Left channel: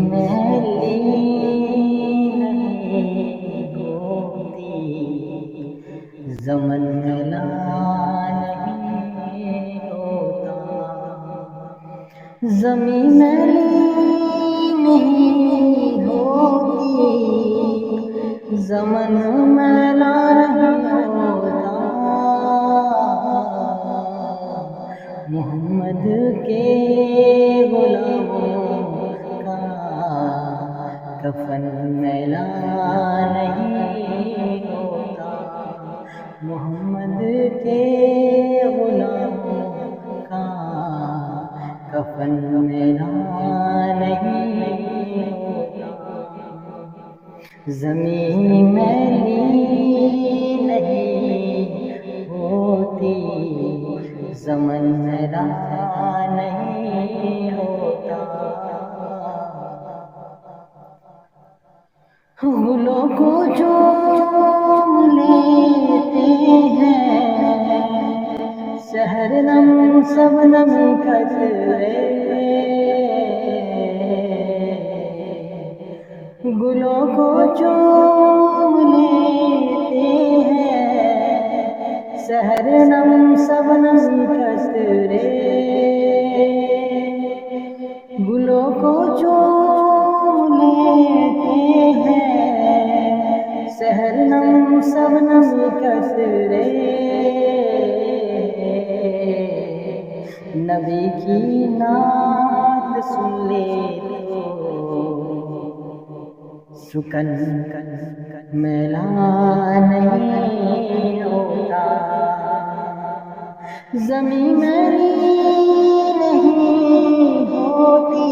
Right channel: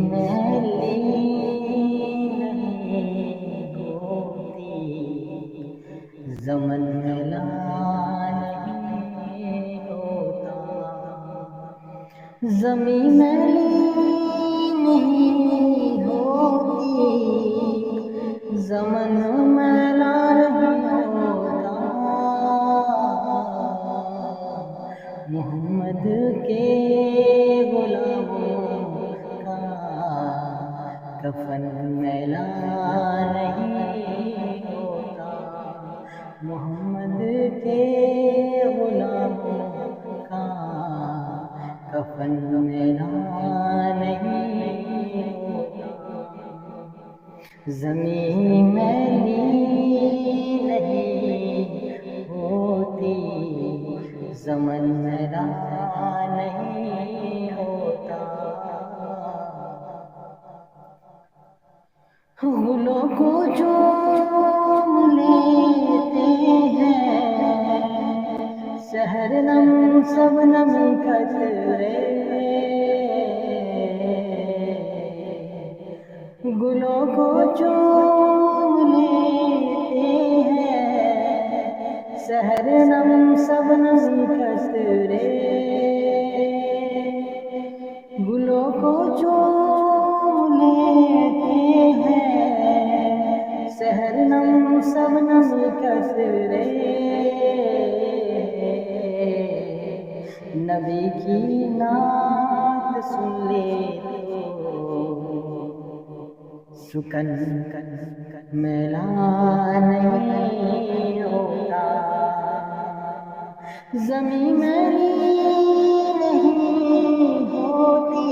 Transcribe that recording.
मैली नहीं होती, ज़मन मैला नहीं होता। ज़मीं मैली नहीं होती, ज़मन मैला नहीं होता। मोहम्मद के गुलामों का कफन मैला नहीं होता। मोहम्मद के गुलामों का कफन मैला नहीं होता। ज़मीं मैली नहीं होती, ज़मन मैला नहीं होता। गुलों को चूम लेते हैं शहरनम शबनम कतरे। गुलों को चूम लेते हैं शहरनम शबनम कतरे। गुलों को चूम लेते हैं शहरनम शबनम कतरे। नबी की नात सुन ले सुकन मैला नहीं होता। ज़मीं मैली नहीं होती,